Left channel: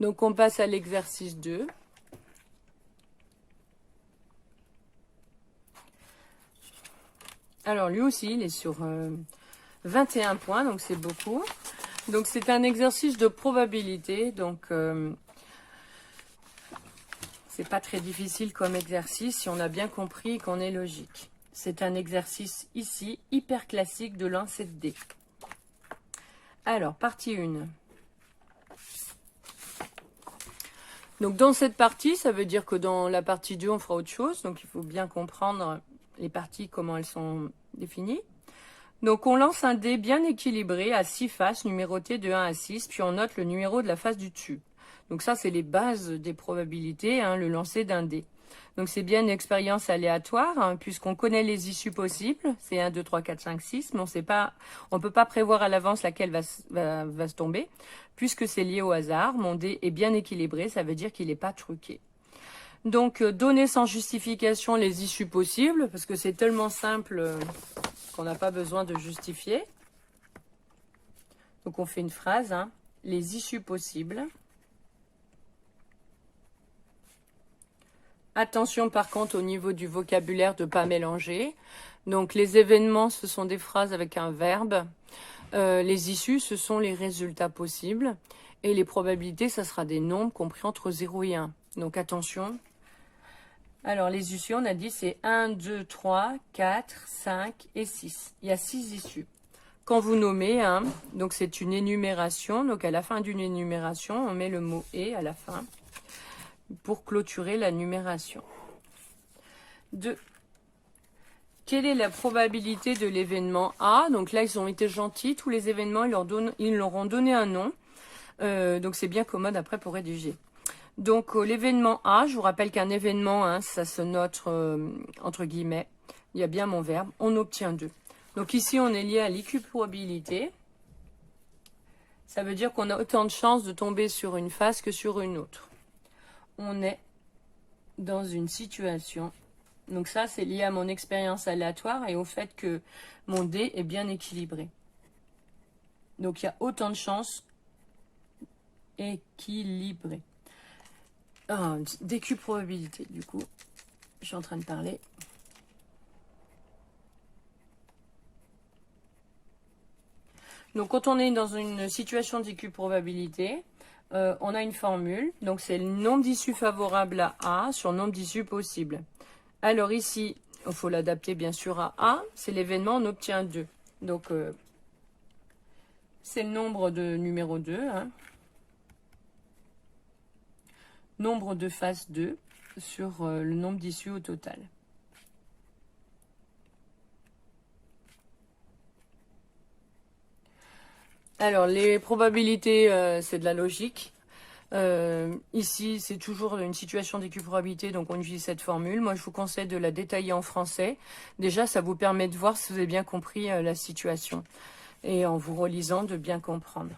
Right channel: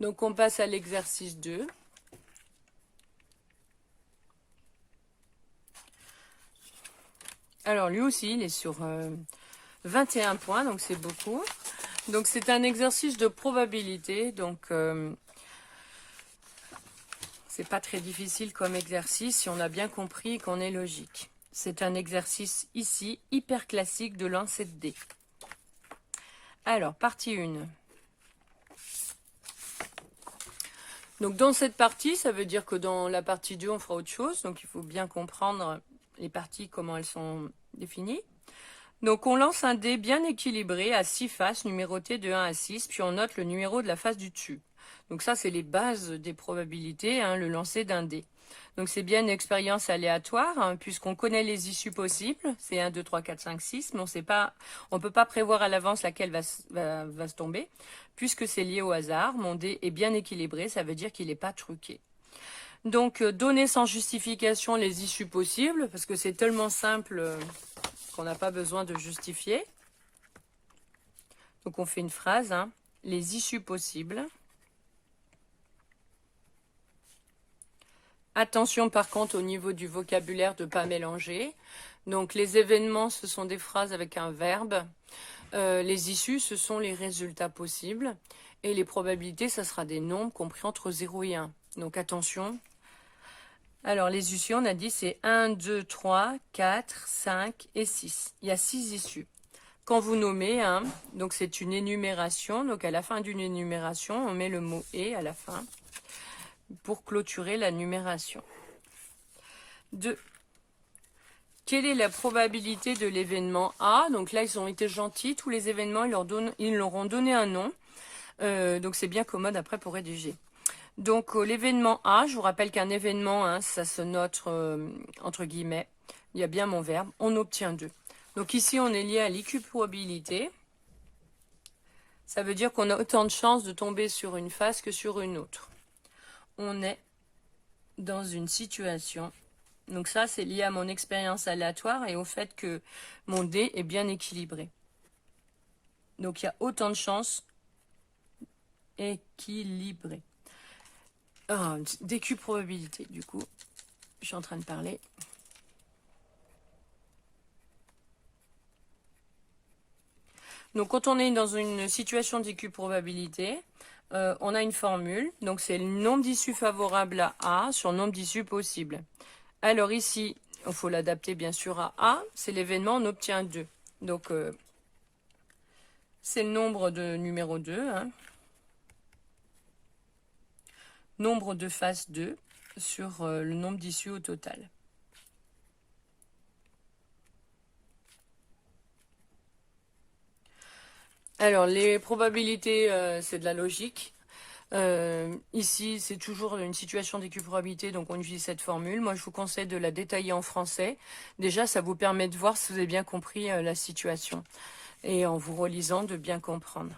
Donc, on passe à l'exercice 2. Alors, lui aussi, il est sur 21 points, donc c'est beaucoup. Donc, c'est un exercice de probabilité. Donc, c'est pas très difficile comme exercice si on a bien compris qu'on est logique. C'est un exercice ici, hyper classique de lancer de dés. Alors, partie 1. Donc, dans cette partie, ça veut dire que dans la partie 2, on fera autre chose. Donc, il faut bien comprendre les parties, comment elles sont définies. Donc, on lance un dé bien équilibré à 6 faces, numérotées de 1 à 6, puis on note le numéro de la face du dessus. Donc, ça, c'est les bases des probabilités, hein, le lancer d'un dé. Donc, c'est bien une expérience aléatoire, hein, puisqu'on connaît les issues possibles. C'est 1, 2, 3, 4, 5, 6, mais on ne peut pas prévoir à l'avance laquelle va se tomber, puisque c'est lié au hasard. Mon dé est bien équilibré, ça veut dire qu'il n'est pas truqué. Donc, donner sans justification les issues possibles, parce que c'est tellement simple qu'on n'a pas besoin de justifier. Donc, on fait une phrase, hein, les issues possibles. Attention par contre au niveau du vocabulaire de ne pas mélanger. Donc les événements, ce sont des phrases avec un verbe. Les issues, ce sont les résultats possibles. Et les probabilités, ça sera des nombres compris entre 0 et 1. Donc attention. Alors les issues, on a dit c'est 1, 2, 3, 4, 5 et 6. Il y a 6 issues. Quand vous nommez, hein, donc c'est une énumération. Donc à la fin d'une énumération, on met le mot « et » à la fin pour clôturer la numération. 2. Quelle est la probabilité de l'événement A? Donc là, ils ont été gentils. Tous les événements, ils leur ont donné un nom. Donc c'est bien commode après pour rédiger. Donc l'événement A, je vous rappelle qu'un événement, hein, ça se note entre guillemets. Il y a bien mon verbe. On obtient 2. Donc ici, on est lié à l'équiprobabilité. Ça veut dire qu'on a autant de chances de tomber sur une face que sur une autre. On est dans une situation. Donc ça, c'est lié à mon expérience aléatoire et au fait que mon dé est bien équilibré. Donc il y a autant de chances équilibrées. DQ probabilité, du coup. Je suis en train de parler. Donc quand on est dans une situation DQ probabilité, on a une formule. Donc c'est le nombre d'issues favorables à A sur le nombre d'issues possibles. Alors ici, il faut l'adapter bien sûr à A. C'est l'événement, on obtient 2. Donc c'est le nombre de numéro 2. Hein. Nombre de faces 2 sur le nombre d'issues au total. Alors, les probabilités, c'est de la logique. Ici, c'est toujours une situation d'équiprobabilité, donc on utilise cette formule. Moi, je vous conseille de la détailler en français. Déjà, ça vous permet de voir si vous avez bien compris la situation. Et en vous relisant, de bien comprendre.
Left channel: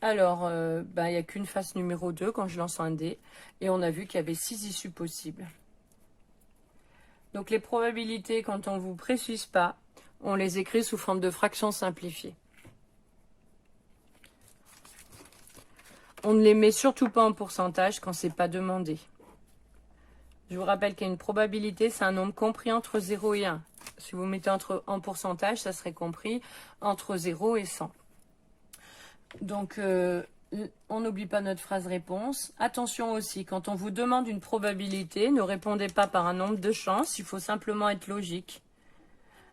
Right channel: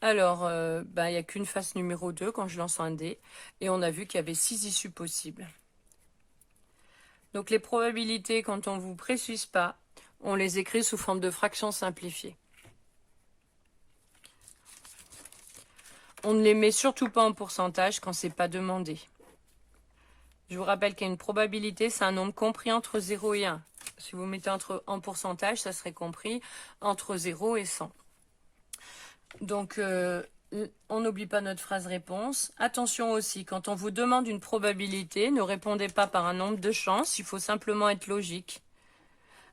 Alors, il n'y a qu'une face numéro 2 quand je lance un dé. Et on a vu qu'il y avait 6 issues possibles. Donc, les probabilités, quand on ne vous précise pas, on les écrit sous forme de fractions simplifiées. On ne les met surtout pas en pourcentage quand c'est pas demandé. Je vous rappelle qu'il y a une probabilité, c'est un nombre compris entre 0 et 1. Si vous mettez en pourcentage, ça serait compris entre 0 et 100. Donc, on n'oublie pas notre phrase réponse. Attention aussi, quand on vous demande une probabilité, ne répondez pas par un nombre de chances, il faut simplement être logique.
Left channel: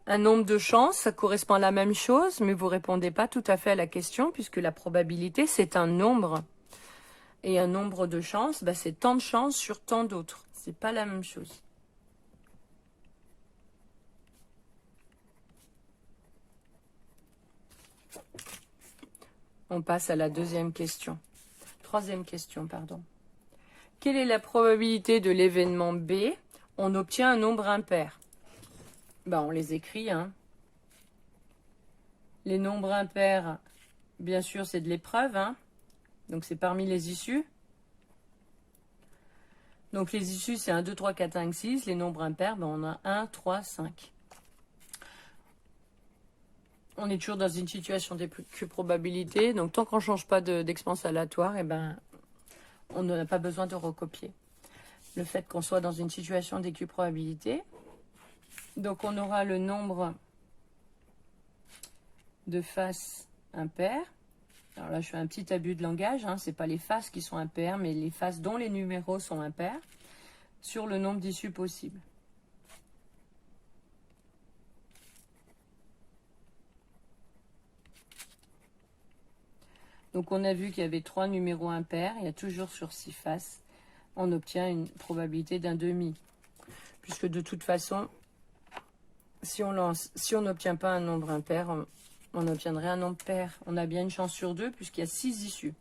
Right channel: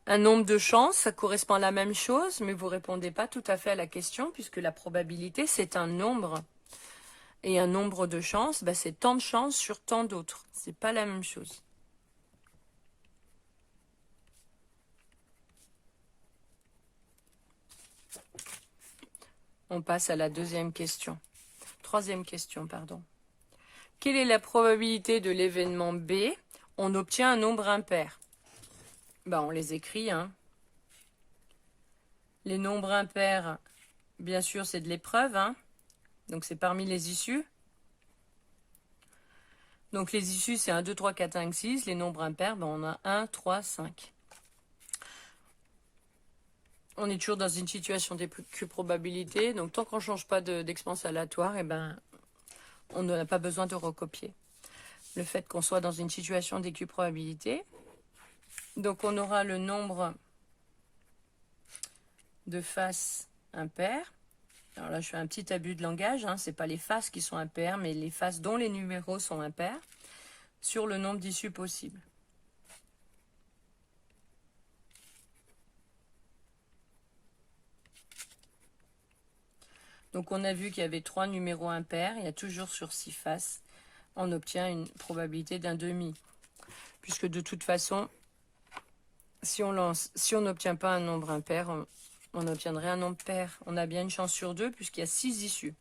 Un nombre de chances, ça correspond à la même chose, mais vous ne répondez pas tout à fait à la question, puisque la probabilité, c'est un nombre. Et un nombre de chances, c'est tant de chances sur tant d'autres. C'est pas la même chose. On passe à la troisième question, pardon. Quelle est la probabilité de l'événement B? On obtient un nombre impair. On les écrit. Hein. Les nombres impairs, bien sûr, c'est de l'épreuve. Hein. Donc, c'est parmi les issues. Donc, les issues, c'est 1, 2, 3, 4, 5, 6. Les nombres impairs, on a 1, 3, 5. on est toujours dans une situation d'équiprobabilité. Donc, tant qu'on ne change pas d'expérience aléatoire, eh ben, on n'a pas besoin de recopier. Le fait qu'on soit dans une situation d'équiprobabilité. Donc, on aura le nombre de faces impaires. Alors là, je fais un petit abus de langage. Ce n'est pas les faces qui sont impaires, mais les faces dont les numéros sont impairs sur le nombre d'issues possibles. Donc, on a vu qu'il y avait 3 numéros impairs. Il y a toujours sur 6 faces. On obtient une probabilité d'un demi. Puisque de toute façon, si on n'obtient pas un nombre impair, on obtiendrait un nombre pair. On a bien une chance sur 2 puisqu'il y a 6 issues.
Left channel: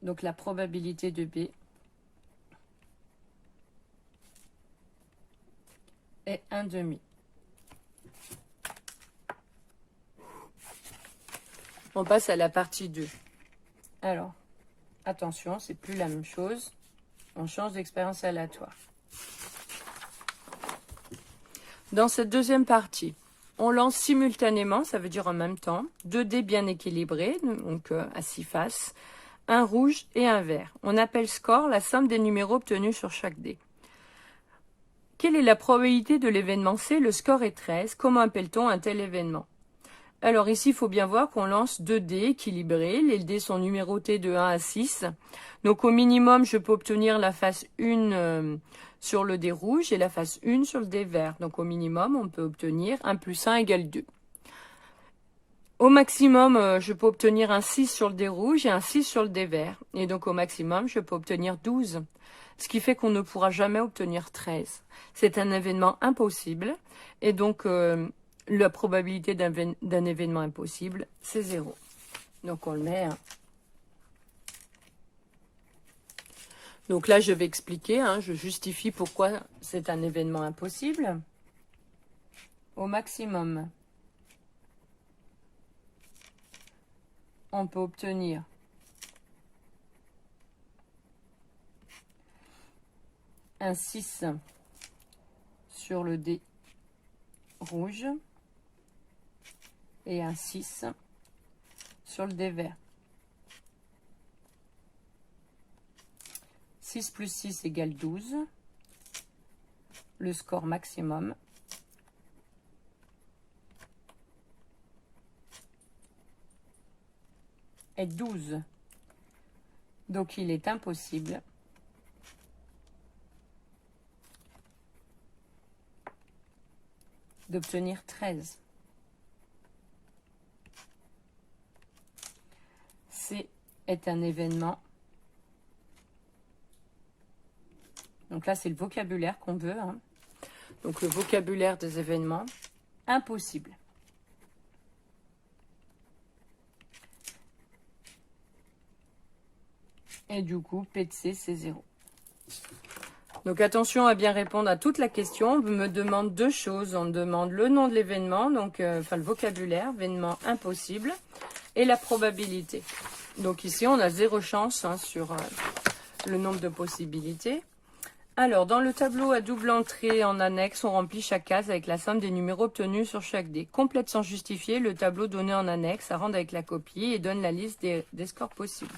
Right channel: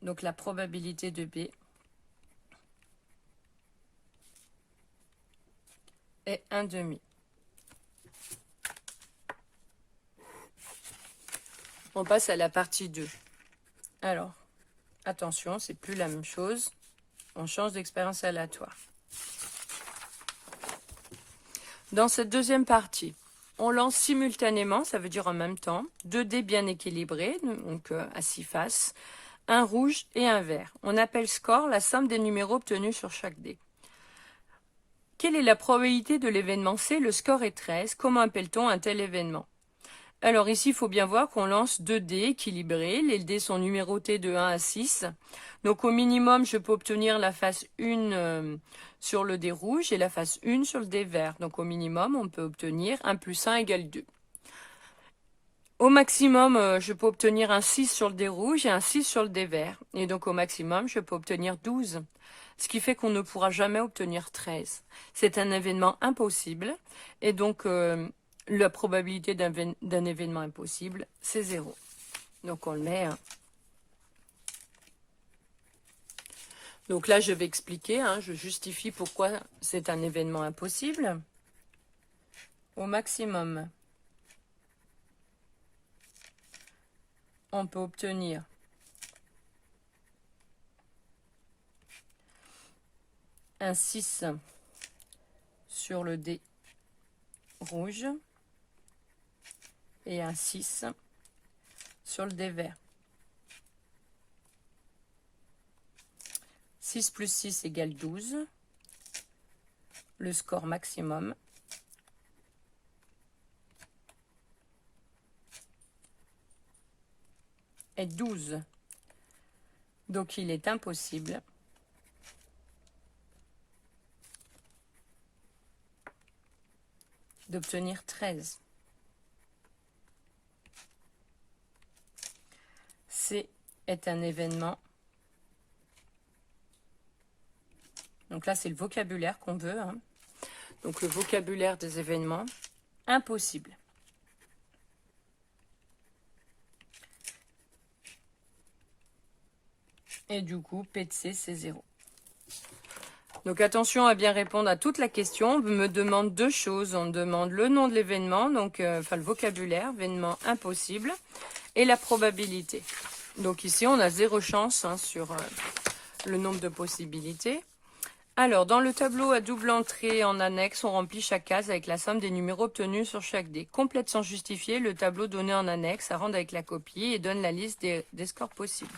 Donc, la probabilité de B est un demi. On passe à la partie 2. Alors, attention, c'est plus la même chose. On change d'expérience aléatoire. Dans cette deuxième partie, on lance simultanément, ça veut dire en même temps, 2 dés bien équilibrés, donc à 6 faces, un rouge et un vert. On appelle score la somme des numéros obtenus sur chaque dé. Quelle est la probabilité de l'événement C? Le score est 13. Comment appelle-t-on un tel événement? Alors ici, il faut bien voir qu'on lance 2 dés équilibrés. Les dés sont numérotés de 1 à 6. Donc au minimum, je peux obtenir la face 1 sur le dé rouge et la face 1 sur le dé vert. Donc au minimum, on peut obtenir 1 plus 1 égale 2. Au maximum, je peux obtenir un 6 sur le dé rouge et un 6 sur le dé vert. Et donc au maximum, je peux obtenir 12. Ce qui fait qu'on ne pourra jamais obtenir 13. C'est un événement impossible. Et donc, la probabilité d'un événement impossible, c'est 0. Donc, on le met. Donc là, je vais expliquer. Je justifie pourquoi c'est un événement impossible. Au maximum, on peut obtenir un 6 sur le dé rouge et un 6 sur le dé vert. 6 plus 6 égale 12. Le score maximum est 12. Donc il est impossible d'obtenir 13. C est un événement. Donc là, c'est le vocabulaire qu'on veut. Donc le vocabulaire des événements. Impossible. Et du coup, P de C, c'est 0. Donc attention à bien répondre à toute la question. On me demande 2 choses. On me demande le nom de l'événement, donc le vocabulaire, événement impossible, et la probabilité. Donc ici, on a 0 chance sur le nombre de possibilités. Alors, dans le tableau à double entrée en annexe, on remplit chaque case avec la somme des numéros obtenus sur chaque dé. Complète sans justifier le tableau donné en annexe, à rendre avec la copie et donne la liste des scores possibles.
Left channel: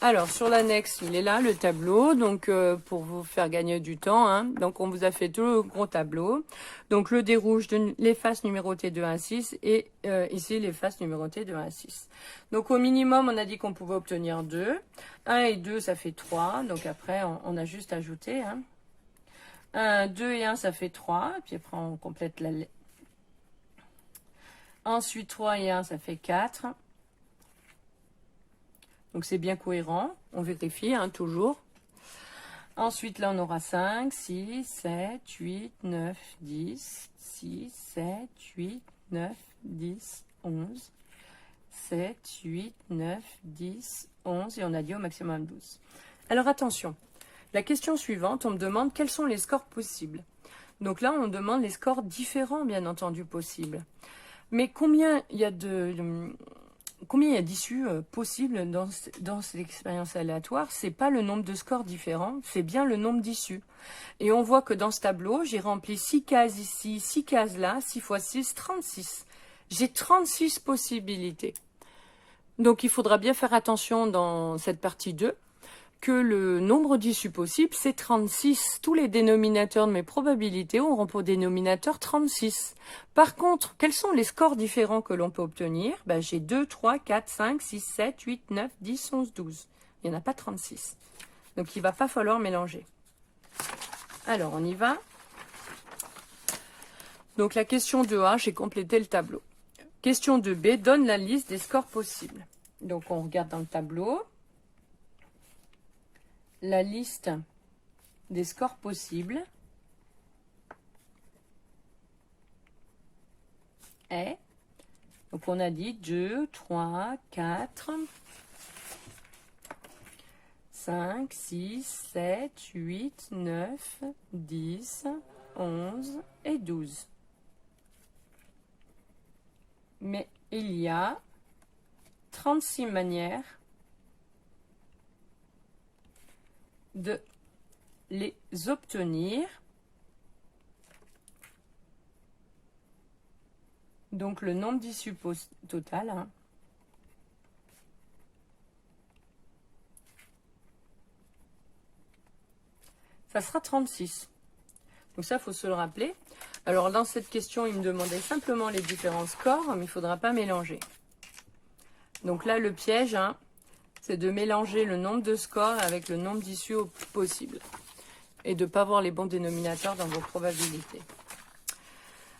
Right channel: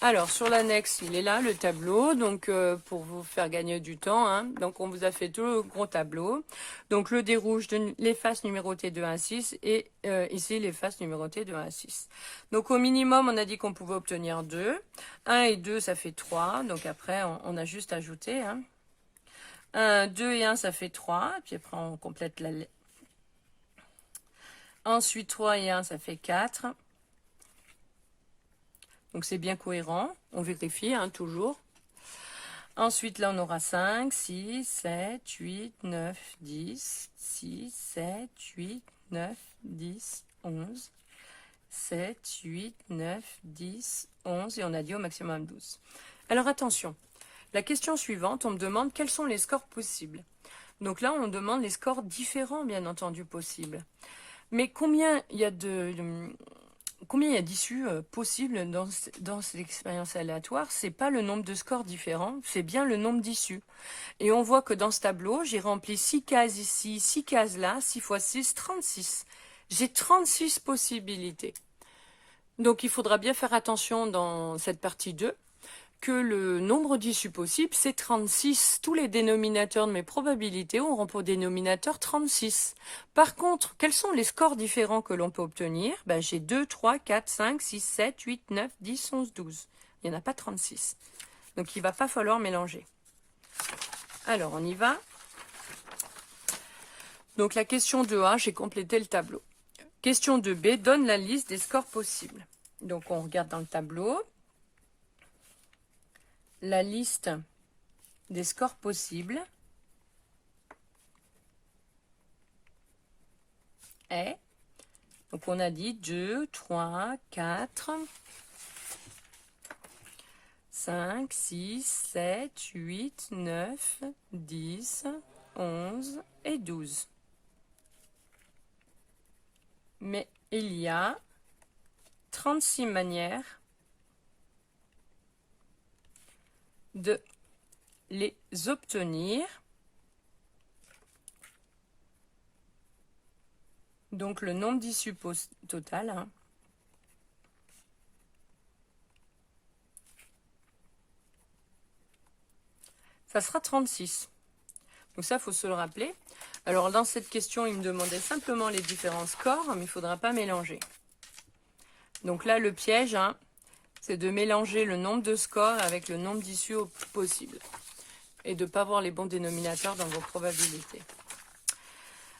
Alors, sur l'annexe, il est là, le tableau, donc pour vous faire gagner du temps. Donc, on vous a fait tout le gros tableau. Donc, le dé rouge, les faces numérotées de 1 à 6 et ici, les faces numérotées de 1 à 6. Donc, au minimum, on a dit qu'on pouvait obtenir 2. 1 et 2, ça fait 3. Donc, après, on a juste ajouté. 2 et 1, ça fait 3. Puis après, on complète la... Ensuite, 3 et 1, ça fait 4. Donc, c'est bien cohérent. On vérifie, toujours. Ensuite, là, on aura 5, 6, 7, 8, 9, 10, 6, 7, 8, 9, 10, 11, 7, 8, 9, 10, 11. Et on a dit au maximum 12. Alors, attention. La question suivante, on me demande quels sont les scores possibles. Donc là, on demande les scores différents, bien entendu, possibles. Mais combien il y a d'issues possibles dans cette expérience aléatoire? C'est pas le nombre de scores différents, c'est bien le nombre d'issues. Et on voit que dans ce tableau, j'ai rempli 6 cases ici, 6 cases là, 6 fois 6, 36. J'ai 36 possibilités. Donc, il faudra bien faire attention dans cette partie 2 que le nombre d'issues possibles, c'est 36. Tous les dénominateurs de mes probabilités auront pour dénominateur 36. Par contre, quels sont les scores différents que l'on peut obtenir? Ben, j'ai 2, 3, 4, 5, 6, 7, 8, 9, 10, 11, 12. Il n'y en a pas 36. Donc, il ne va pas falloir mélanger. Alors, on y va. Donc, la question 2A, j'ai complété le tableau. Question 2B, donne la liste des scores possibles. Donc, on regarde dans le tableau. La liste des scores possibles est, donc on a dit 2, 3, 4, 5, 6, 7, 8, 9, 10, 11 et 12. Mais il y a 36 manières de les obtenir. Donc le nombre d'issues total, hein, ça sera 36. Donc ça, il faut se le rappeler. Alors dans cette question, il me demandait simplement les différents scores, mais il ne faudra pas mélanger. Donc là, le piège, hein, c'est de mélanger le nombre de scores avec le nombre d'issues possible. Et de ne pas voir les bons dénominateurs dans vos probabilités.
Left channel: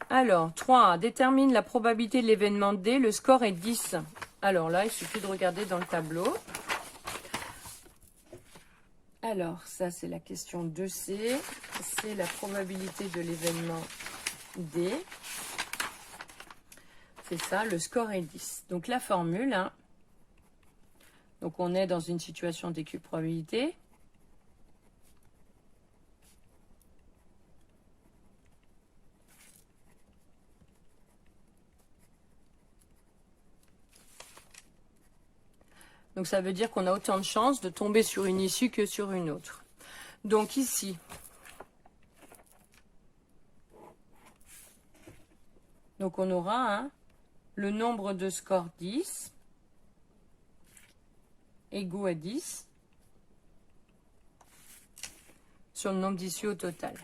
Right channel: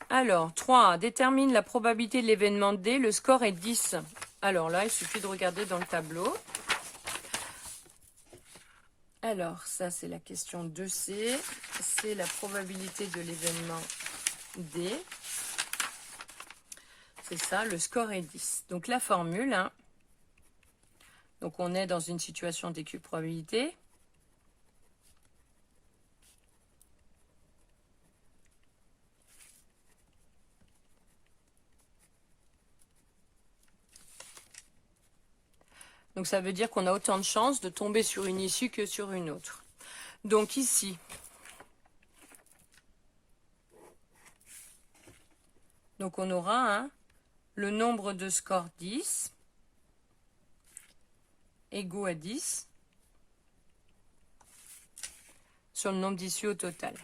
Alors, 3. Détermine la probabilité de l'événement D. Le score est 10. Alors là, il suffit de regarder dans le tableau. Alors, ça, c'est la question 2C. C'est la probabilité de l'événement D. C'est ça, le score est 10. Donc, la formule, hein, donc on est dans une situation d'équipe probabilité. Donc ça veut dire qu'on a autant de chances de tomber sur une issue que sur une autre. Donc ici, donc on aura hein, le nombre de scores 10 égaux à 10 sur le nombre d'issues au total.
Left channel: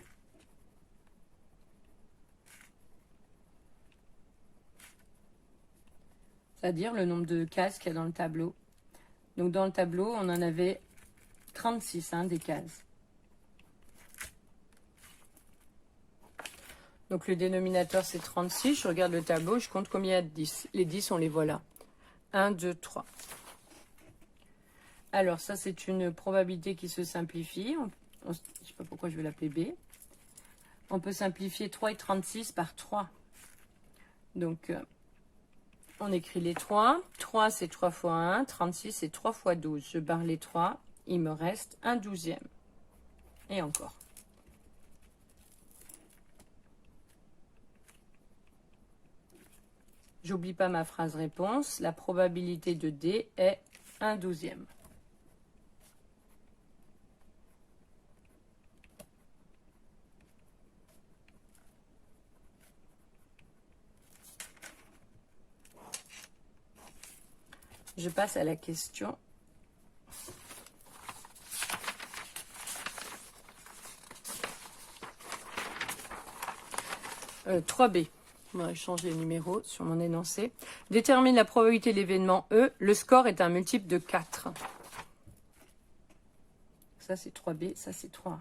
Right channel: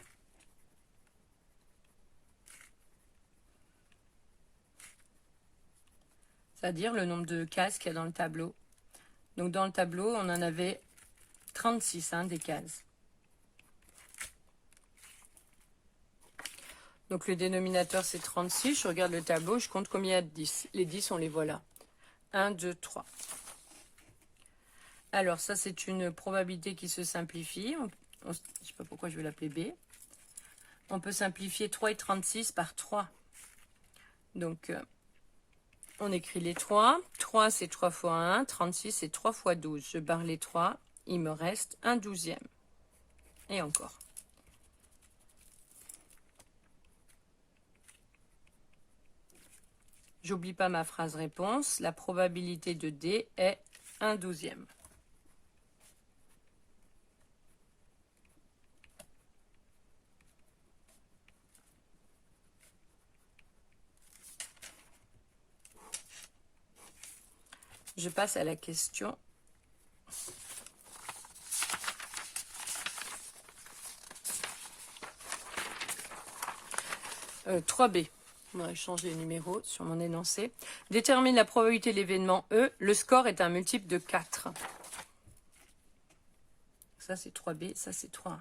C'est-à-dire le nombre de cases qu'il y a dans le tableau. Donc dans le tableau, on en avait 36 hein, des cases. Donc le dénominateur c'est 36. Je regarde le tableau, je compte combien il y a de 10. Les 10, on les voit là. 1, 2, 3. Alors ça c'est une probabilité qui se simplifie. Je ne sais pas pourquoi je vais l'appeler B. On peut simplifier 3 et 36 par 3. Donc on écrit les 3. 3 c'est 3 fois 1. 36 c'est 3 fois 12. Je barre les 3. Il me reste un 12e. Et encore. J'oublie pas ma phrase réponse. La probabilité de D est un 12e. Je passe à la question 3B. On va changer les numéros sur mon énoncé. Détermine la probabilité de l'événement E. Le score est un multiple de 4. Ça, c'est 3B. Ça, c'est 3.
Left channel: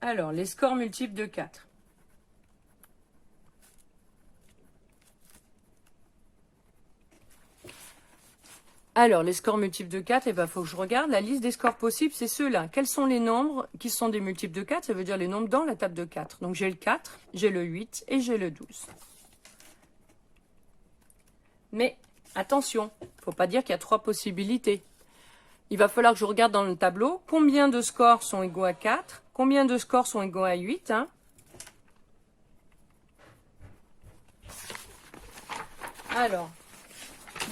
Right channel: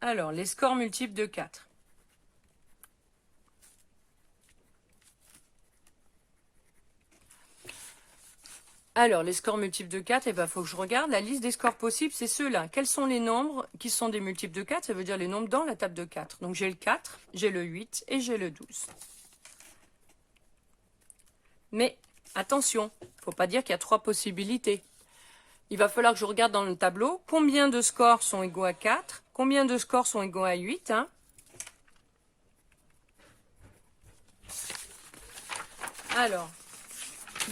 Alors, les scores multiples de 4. Alors, les scores multiples de 4, il faut que je regarde. La liste des scores possibles, c'est ceux-là. Quels sont les nombres qui sont des multiples de 4? Ça veut dire les nombres dans la table de 4. Donc, j'ai le 4, j'ai le 8 et j'ai le 12. Mais, attention, il ne faut pas dire qu'il y a 3 possibilités. Il va falloir que je regarde dans le tableau combien de scores sont égaux à 4, combien de scores sont égaux à 8. Hein. Alors,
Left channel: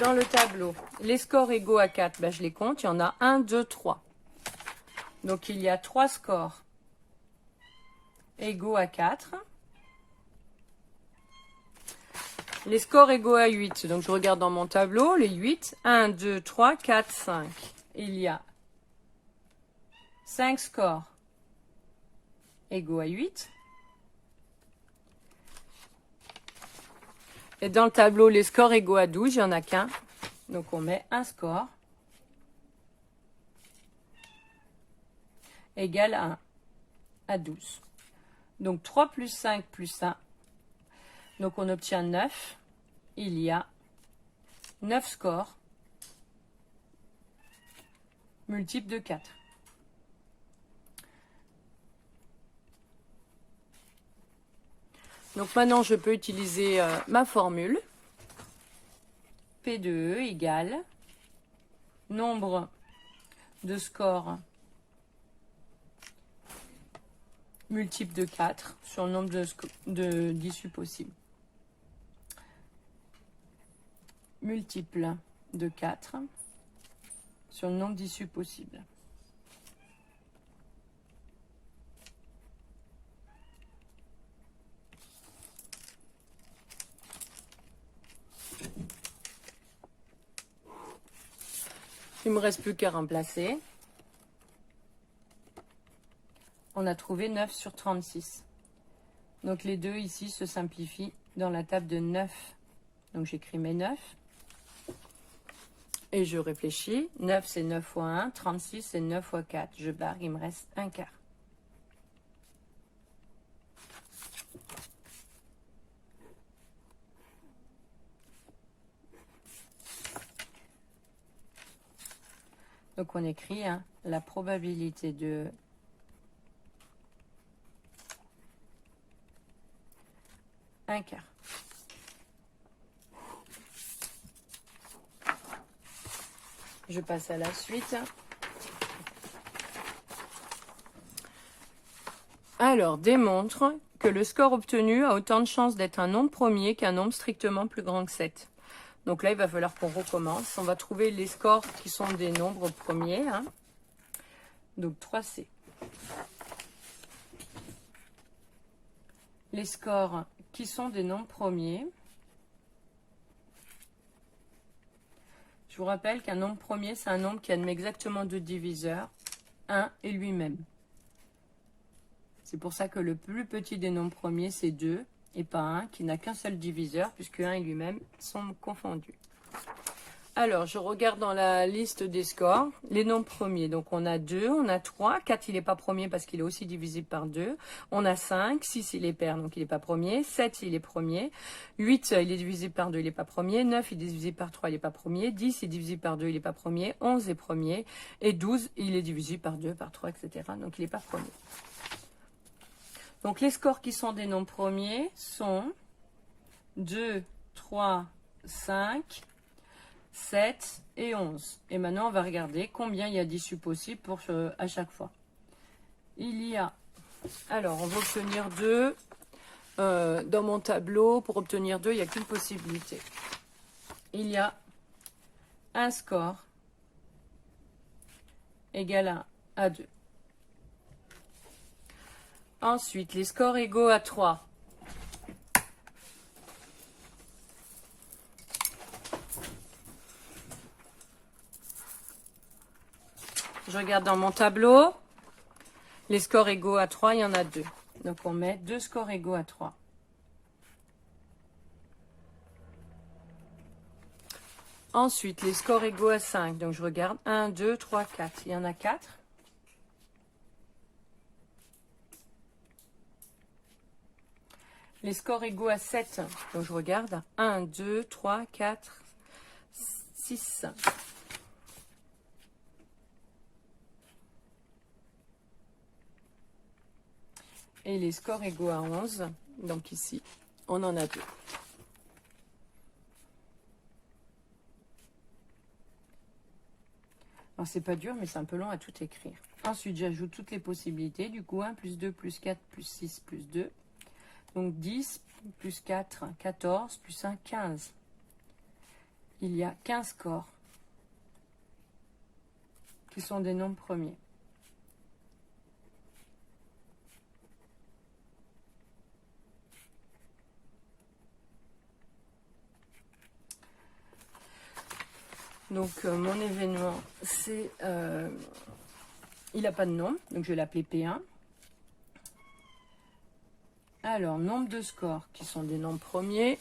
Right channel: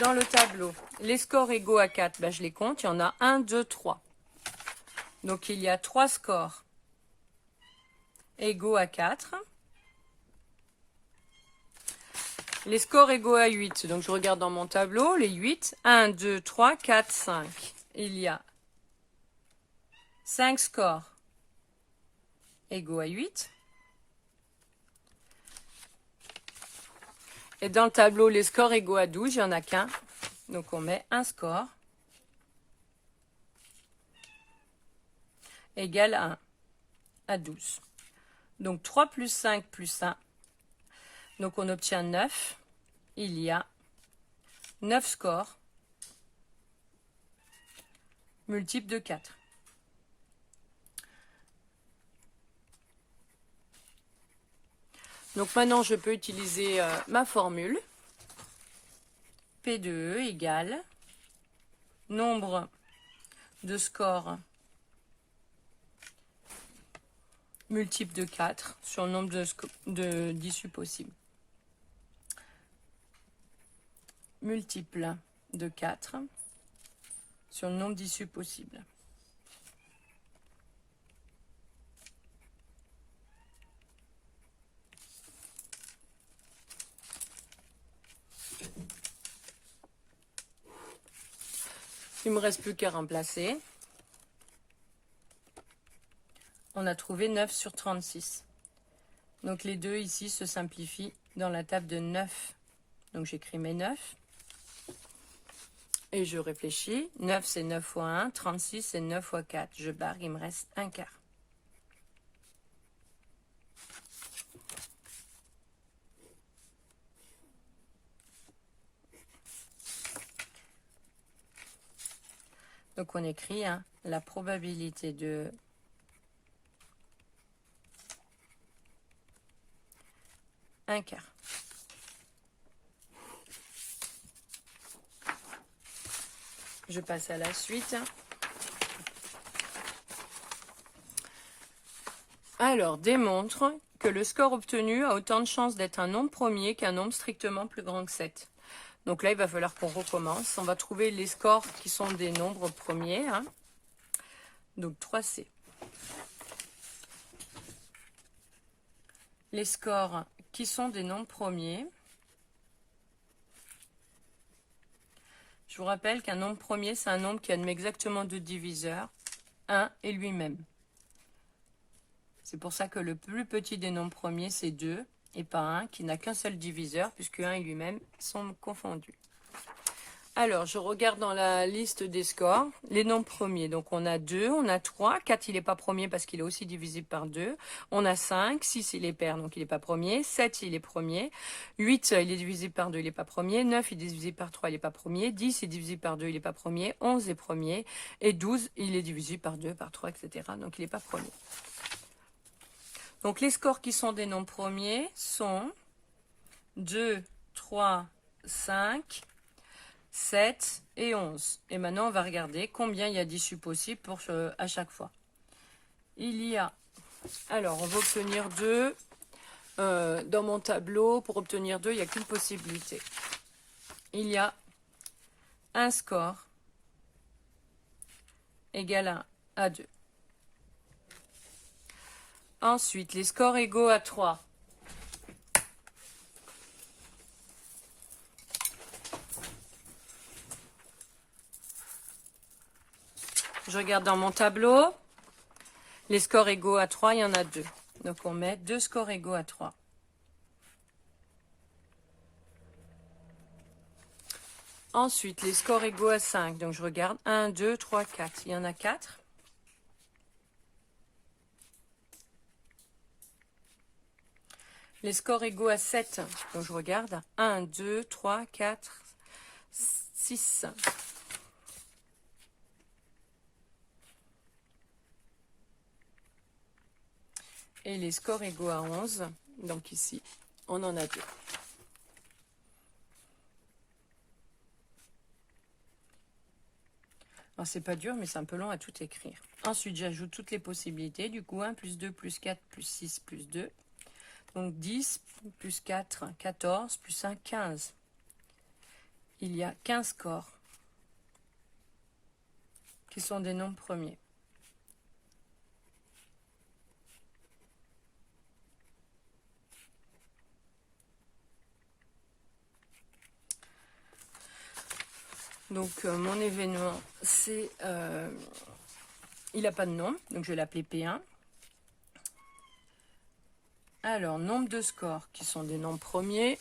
dans le tableau, les scores égaux à 4, ben je les compte. Il y en a 1, 2, 3. Donc, il y a 3 scores égaux à 4. Les scores égaux à 8. Donc, je regarde dans mon tableau, les 8. 1, 2, 3, 4, 5. Il y a 5 scores égaux à 8. Et dans le tableau, les scores égaux à 12, il n'y en a qu'un. Donc, on met un score égal à 12. Donc, 3 plus 5 plus 1. Donc, on obtient 9. Il y a 9 scores multiples de 4. Donc, maintenant, je peux utiliser ma formule. P de E égale nombre de scores multiple de 4 sur le nombre d'issues possibles. Multiple de 4 sur le nombre d'issues possibles. Il ne me reste plus qu'à remplacer. On a trouvé 9 sur 36. Donc les deux ici se simplifient dans la table de 9. Donc j'écris mes 9. Et je réfléchis. 9 c'est 9 fois 1. 36 c'est 9 fois 4. Je barre, il me reste un quart. Donc on écrit la probabilité de un quart. Je passe à la suite. Alors, démontre que le score obtenu a autant de chances d'être un nombre premier qu'un nombre strictement plus grand que 7. Donc là, il va falloir qu'on recommence. On va trouver les scores qui sont des nombres premiers. Donc 3C. Les scores qui sont des nombres premiers. Je vous rappelle qu'un nombre premier, c'est un nombre qui admet exactement deux diviseurs, 1 et lui-même. C'est pour ça que le plus petit des nombres premiers, c'est 2, et pas 1, qui n'a qu'un seul diviseur, puisque 1 et lui-même sont confondus. Alors, je regarde dans la liste des scores, les nombres premiers. Donc, on a 2, on a 3, 4, il n'est pas premier parce qu'il est aussi divisible par 2. On a 5, 6, il est pair, donc il n'est pas premier. 7, il est premier. 8, il est divisible par 2, il n'est pas premier. 9, il est divisible par 3, il n'est pas premier. 10, il est divisible par 2, il n'est pas premier. 11 est premier. Et 12, il est divisible par 2, par 3, etc. Donc, il n'est pas premier. Donc, les scores qui sont des nombres premiers sont 2, 3, 5... 7 et 11. Et maintenant, on va regarder combien il y a d'issues possibles à chaque fois. Il y a... Alors, on va obtenir 2. Dans mon tableau, pour obtenir 2, il n'y a qu'une possibilité. Il y a un score égal à 2. Ensuite, les scores égaux à 3. Je regarde dans mon tableau. Les scores égaux à 3, il y en a 2. Donc, on met 2 scores égaux à 3. Ensuite, les scores égaux à 5. Donc, je regarde 1, 2, 3, 4. Il y en a 4. Les scores égaux à 7. Donc, je regarde 1, 2, 3, 4, 6. Et les scores égaux à 11, donc ici, on en a 2. Alors, c'est pas dur, mais c'est un peu long à tout écrire. Ensuite, j'ajoute toutes les possibilités. Du coup, 1 plus 2 plus 4 plus 6 plus 2. Donc, 10 plus 4, 14 plus 1, 15. Il y a 15 scores qui sont des nombres premiers. Donc mon événement, c'est... il n'a pas de nom, donc je vais l'appeler P1. Alors, nombre de scores qui sont des nombres premiers.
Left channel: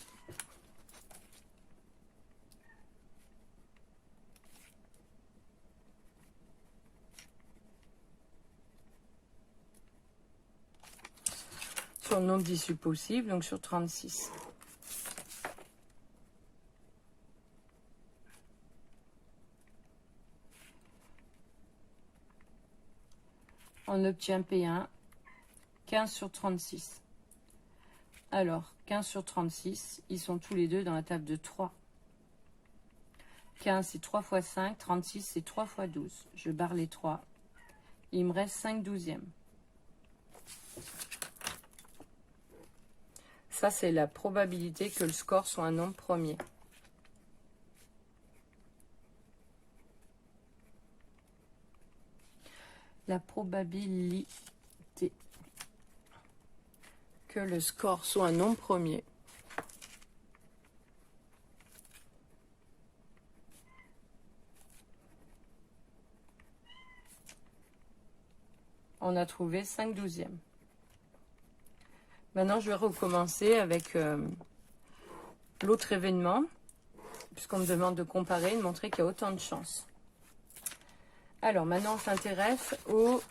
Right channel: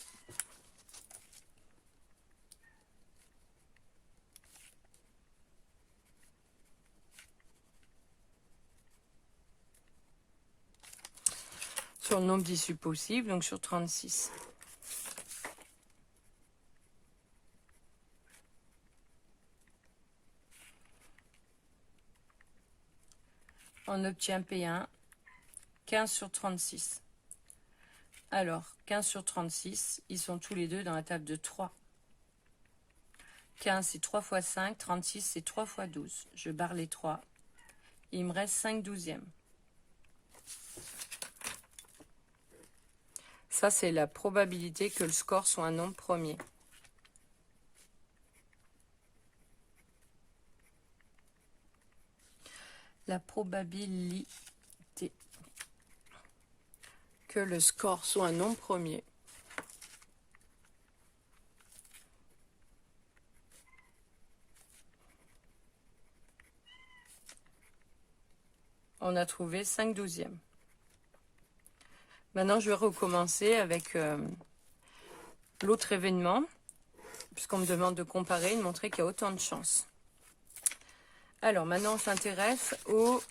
Sur le nombre d'issues possibles, donc sur 36. On obtient P1, 15 sur 36. Alors, 15 sur 36, ils sont tous les deux dans la table de 3. 15, c'est 3 fois 5. 36, c'est 3 fois 12. Je barre les 3. Il me reste 5 douzièmes. Ça, c'est la probabilité que le score soit un nombre premier. La probabilité que le score soit un nombre premier. On a trouvé 5 douzièmes. Maintenant, je vais recommencer avec l'autre événement, puisqu'on me demande de comparer et de montrer qu'il y a autant de chances. Alors, maintenant, on s'intéresse aux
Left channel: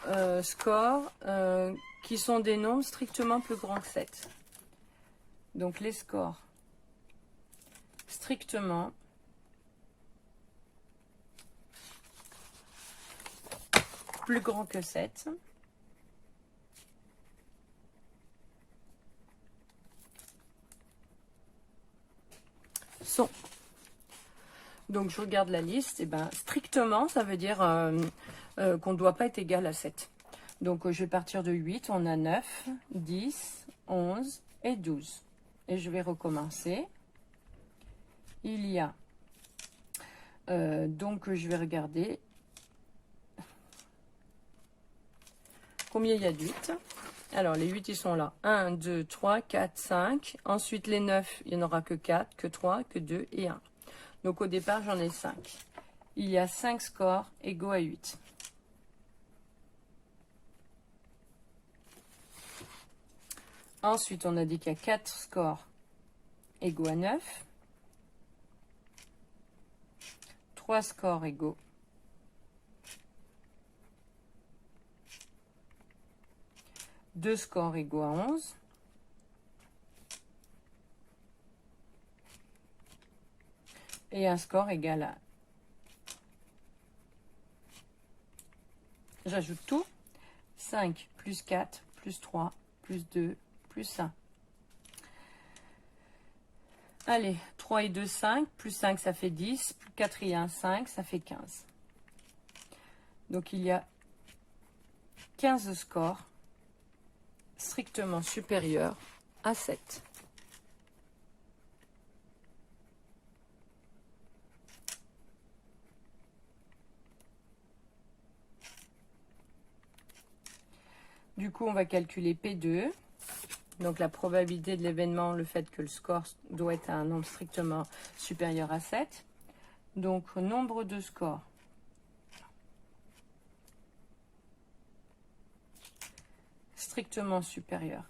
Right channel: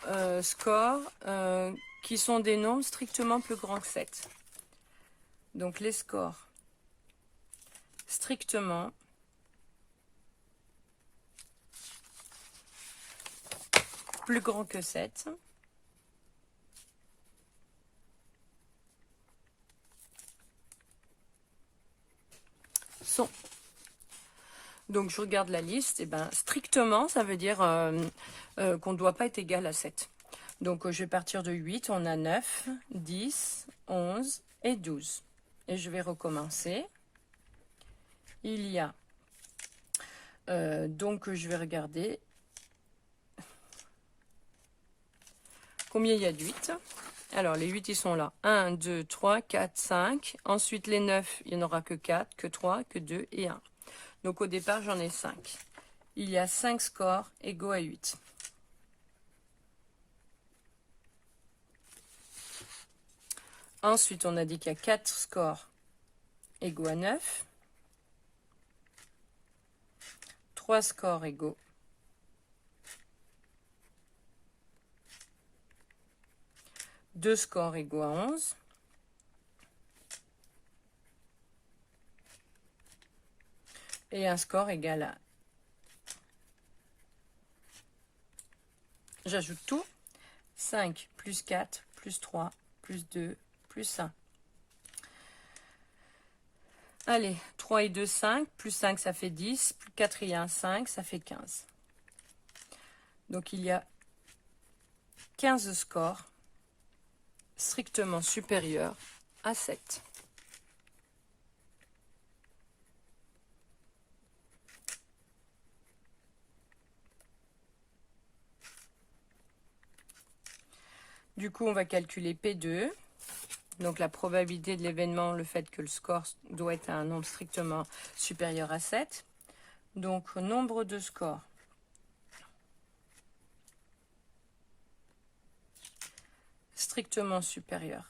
scores qui sont des nombres strictement plus grands que 7. Donc, les scores strictement plus grands que 7. Sont. Donc, je regarde la liste. Et ben, strictement, ça veut dire qu'on ne doit pas être égal à 7. Donc, je vais partir de 8. On a 9, 10, 11 et 12. Et je vais recommencer. Il y a... donc, je vais regarder combien il y a de 8. Alors, les 8, ils sont là. 1, 2, 3, 4, 5. Ensuite, les 9, il n'y en aura que 4, que 3, que 2 et 1. Donc, au départ, j'en ai 5. Il y a 5 scores égaux à 8. Ensuite, on a dit qu'il y a 4 scores égaux à 9. 3 scores égaux. 2 scores égaux à 11. Et un score égal à... J'ajoute tout. 5 plus 4 plus 3 plus 2 plus 1. Allez, 3 et 2, 5. Plus 5, ça fait 10. Plus 4 et 1, 5. Ça fait 15. Donc, il y a 15 scores strictement supérieurs à 7. Du coup, on va calculer P2. Donc, la probabilité de l'événement, le fait que le score doit être un nombre strictement supérieur à 7. Donc, nombre de scores strictement supérieur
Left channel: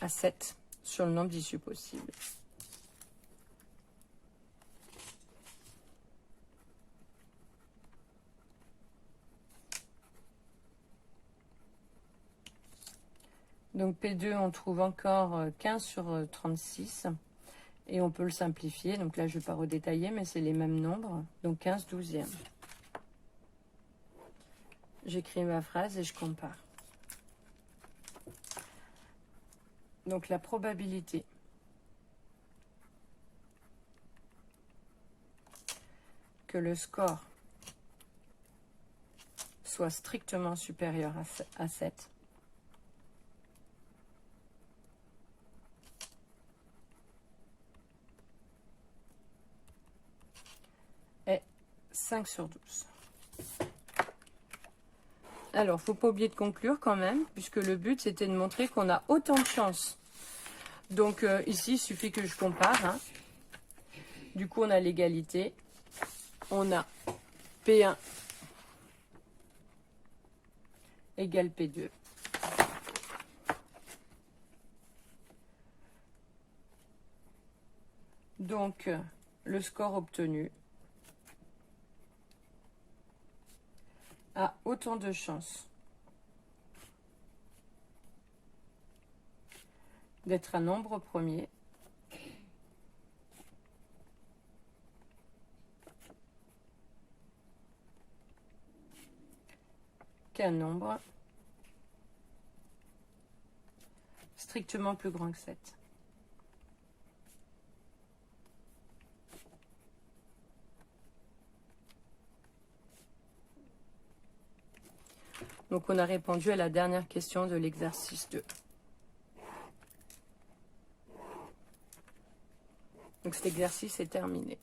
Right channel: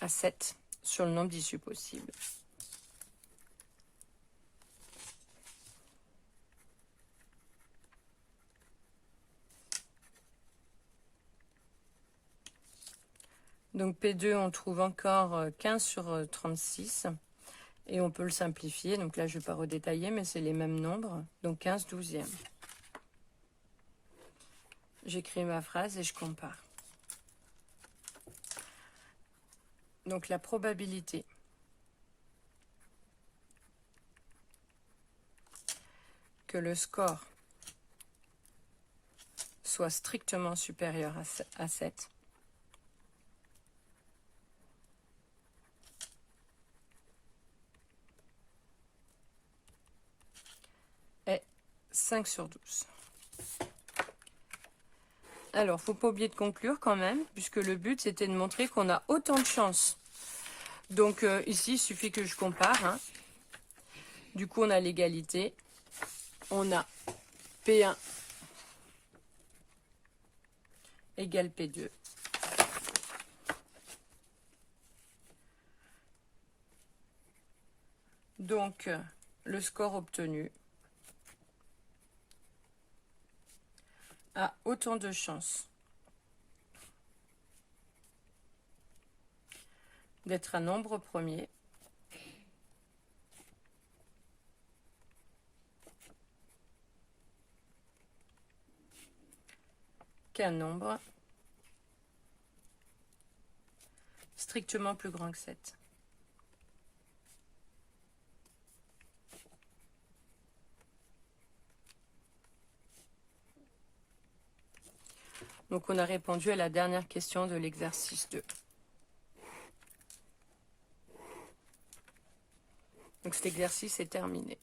à 7 sur le nombre d'issues possibles. Donc P2, on trouve encore 15 sur 36. Et on peut le simplifier. Donc là, je ne vais pas redétailler, mais c'est les mêmes nombres. Donc 15 douzièmes. J'écris ma phrase et je compare. Donc la probabilité que le score soit strictement supérieur à 7 est 5 sur 12. Alors, faut pas oublier de conclure quand même, puisque le but, c'était de montrer qu'on a autant de chance. Donc, ici, il suffit que je compare. Hein. Du coup, on a l'égalité. On a P1 égale P2. Donc, le score obtenu a autant de chances d'être un nombre premier qu'un nombre strictement plus grand que 7. Donc, on a répondu à la dernière question de l'exercice 2. Donc, cet exercice est terminé.